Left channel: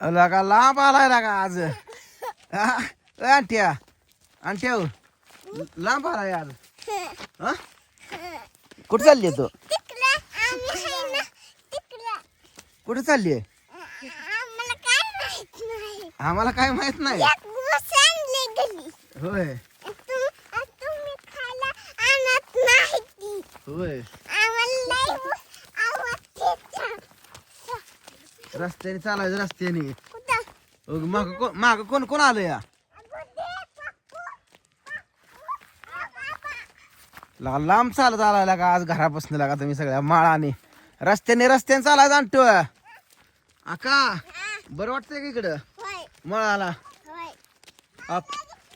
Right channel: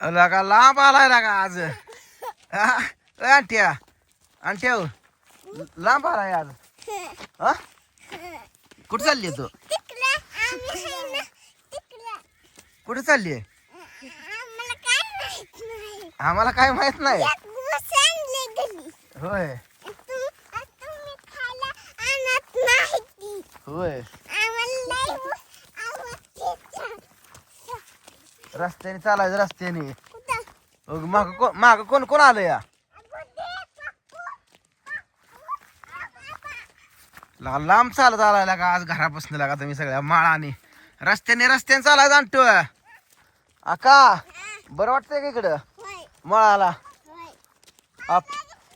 लगा लांब आलाय लगा आज. आंट्या हो. लांब आलाय आज. हा? कुठे चालली तू? कुठे चालली आम्हाला काय माहीत नाही. होय. होय आम्हाला लय व- आवडते रस्त्याने चालायचं रस्त्याने. माग कोण माग कोण कोण आलं या? लगा लांब चालत आलाय लागा आज घरापासून लागा तुम्ही सगळ्या माळाने. रस्त्याने रस्त्याने चालायचं आणतो. आका बरं वाटतंय का इकडं? मळाला. होय. आप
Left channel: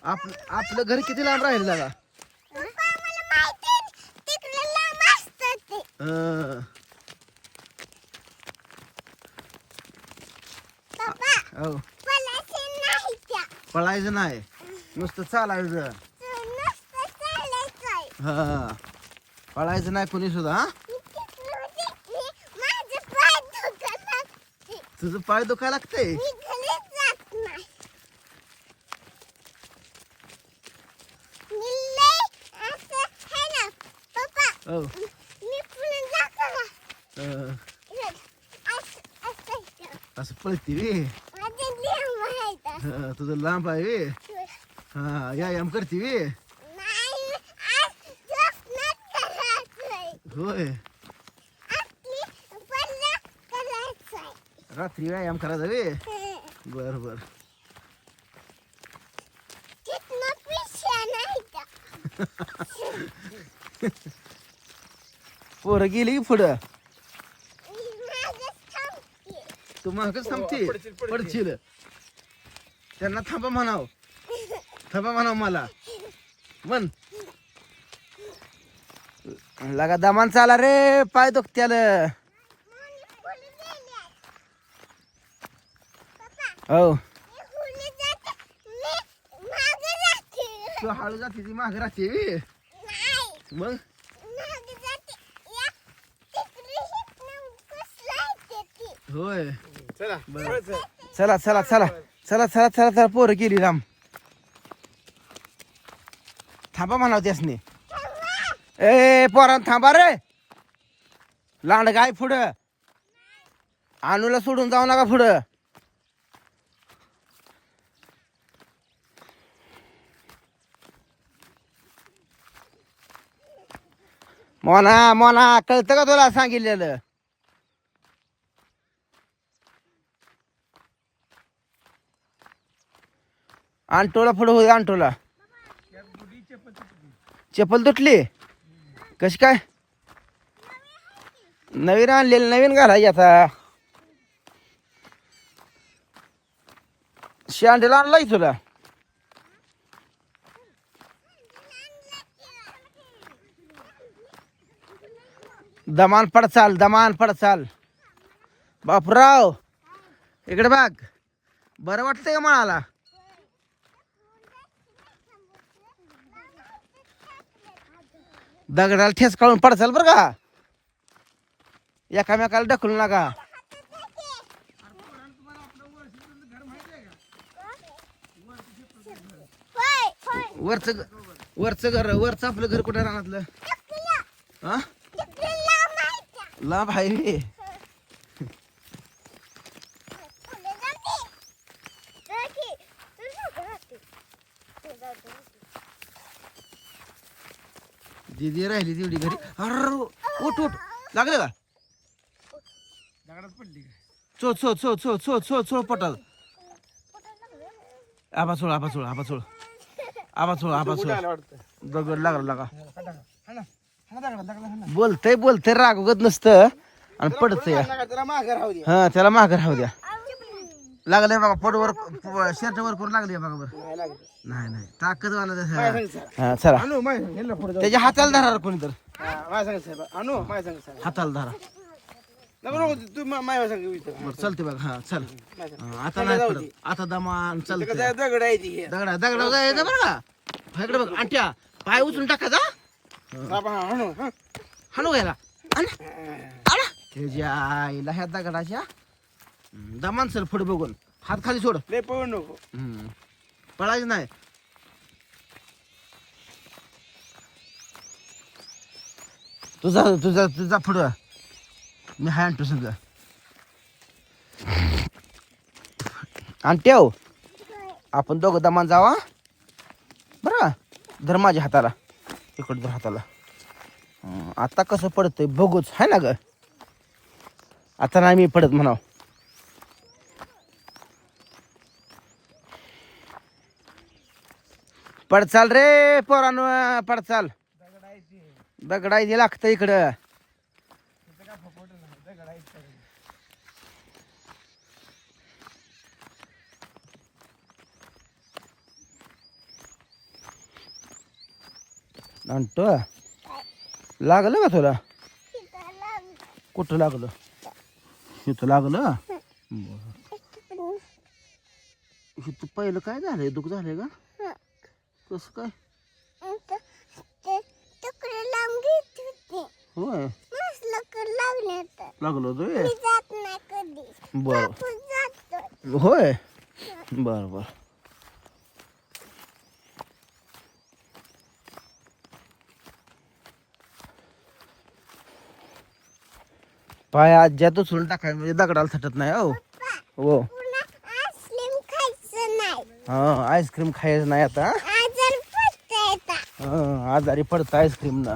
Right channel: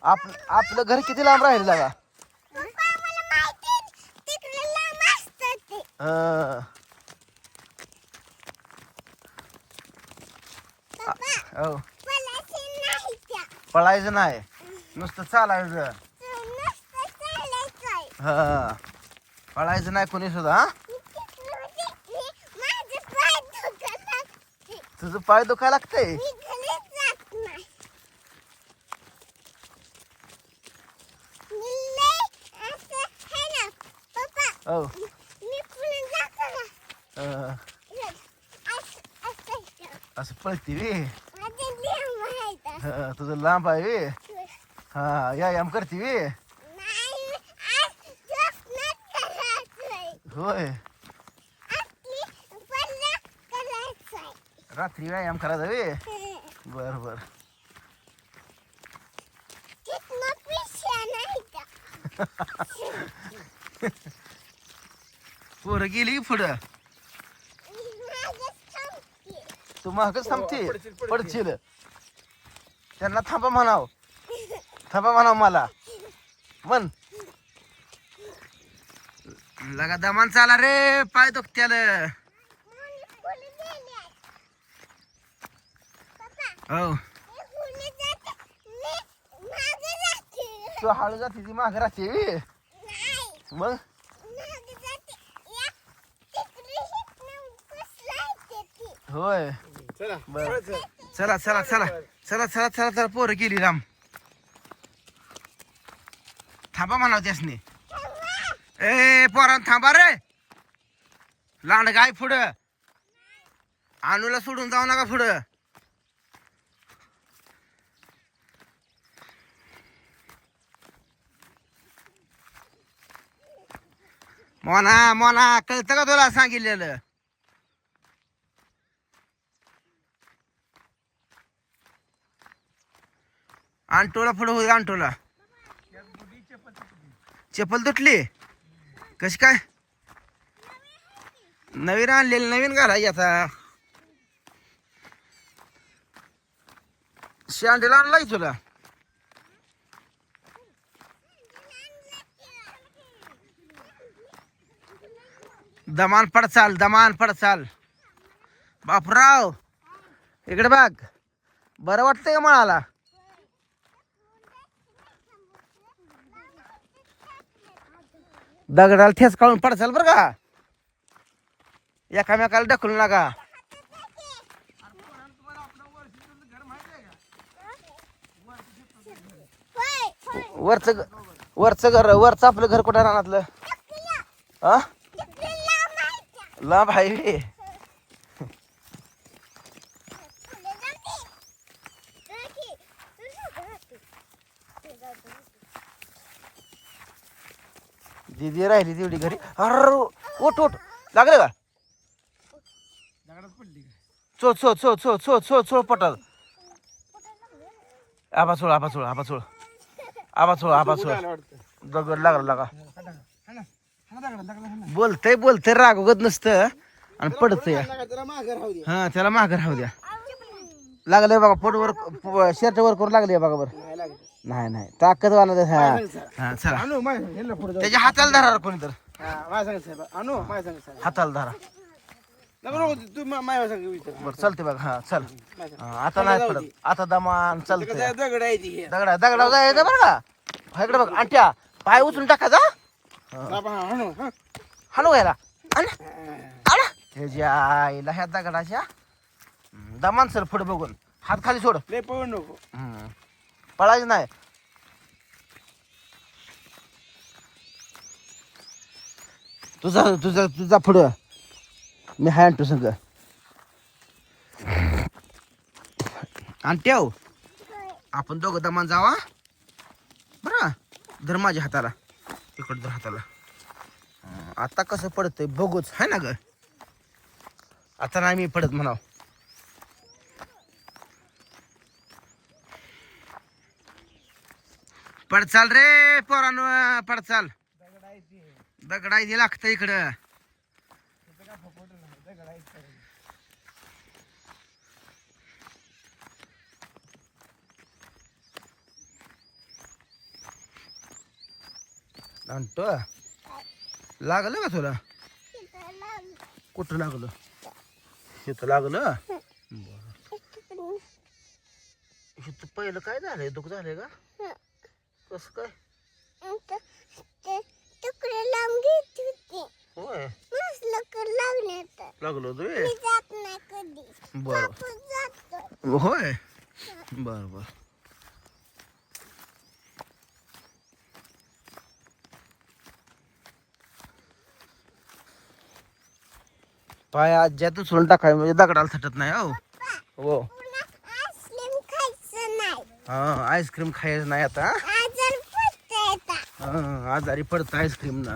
आप आपलं घर किती लांब राहील लागा पप्पा, मला माहिती आहे, तिकडे लांब असतं ते अं, पप्पा हो. पळायचं नाही. नुसतं चालायचं. हा. पळायचं नाही कोणी सुद्धा. तुझं पाय दुखायला लागतंय? है. असं पळती माहीत हा, तुझं लांब आहे वे हा व्यायाम करते वे होय रात्री व्यायाम करायचा वे बर बर. पोरं गेली की पुढं. तू मागच थांबते पडशील. पडशील त्यांना थांबा म्हणाव. थांबा म्हणाव मला. म्हण. लगा दमान चाला रे पाय दुखत्याल. हो. तू हळू जाते ती माग राहते. मग? होय. चला. चला चला चला. चला चला चला चला पोरं गेली राम. थांबा म्हणाव त्यासनी. ए पोरान थांबा रे. लांड गाय पुढं. आणूला सोडून जाऊ नका पुढं. मोना मोना कळतं का तुला सांगितलेलं? आणटोला पुढं होत आणटोला चप्पल तुटली? कशी काय? नवीन आणलेली नवीन घालायची आता. शांडीला आणलाय तुला? दमान पडचाल दमान पडचाल. बापराव इकडे बघ. बरं वाटतंय का म्हणाला दगडाला ठेस काढून पडचाल बरं का? एकामेकाला ढकलू नका. वरचं वरचं घर वरचं आपलं घर कुठं हा तिकडे लांब आहे त्या. लांब आहे बे. पुढे जाते. जाते. तू जाते. तू जाते. दीदी राहिली तेवढी घरी अर ओट ओट लागलं का दगडात पडली काय? चो चो चो चो चो चो चो पटाल आबा चोळ आबा चोळ आबा चोळ आबा चोळ आबा चोळ दगड लागला लागा बोलतय बोलतय रागवत नसतं आणि पडतंय राहू हा त्याला माघार राहू द्या लागले बघा पोटवर शर्ट वर करू लागले बघा बरं नाही. नाही नाही ताकद वाला माझ्या संग सर. हा चला आणू, माझ्या संग, ह्याला पुढं जाऊ. त्याच्या हाताला धरा कोणी तर हा, माझ्या संग साहेब. आणू, माझ्या संग साहेब. हाताला धरा नको, नको, तू मा- माझ्या संग विचार. बरं चालते बघा हा चल माझ्या संग. हा, आता नाही पडत आता दमान कसं आहे, दगड आहे ती हे. दगडा दगडा जायचं बरं का हा, इकडे बघ आणट्या पाय उचलून टाकायचा बाबा, हा, आणू, हा. हाणू याला आण हा. आला ह्याच्या आईला ह्या दगडाच्या हम्म, दमान सर पुढे बघून हात खाली सोड लय नको हम्म. पळायचं नाही. तुझा तुझा तुझा पुढं. मी हाय आणतो समजा आणि ठेव. आपण दोघं दमान जावा. बरं. धर माझ्या हाताला. इकडं धर हाताला. आता कसं पडतंय बघूच. हाय ना ग? आता नाही मी पडत म्हणाव. पडचाल रे पोरानो पडचाल. दगडायची लागतं इकडं. आणतो लागलं का तुला? कुठं लागलं? इथं लागलं. इथं पहिलं काय झालंय? दुःख झालंय का? कसं काय? तुकडे लावून घेत होती. होय. लागलं बर. होय? बर बर. पाय आज्यातच सोडून टाकाय म्हणजे दगडाला थटत नाही हो. हो. पुन्हा आईस्क्रीम खायचं नाही. हा आईस्क्रीम खायचं नाही आता. आजार पडता येतात हा आजारी पडतं. आईस्क्रीम ना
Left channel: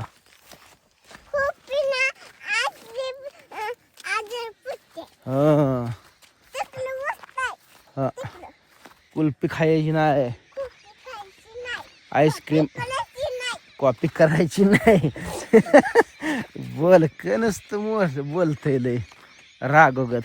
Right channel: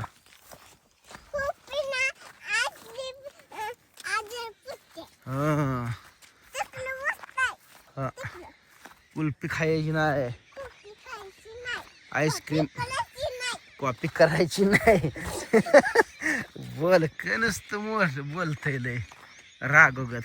हा. हा. कुल्फी खायची नाही. आईस्क्रीम कॉपी करायची नाही. बोल का नसतं मोठ बोलतय लय. रागोगत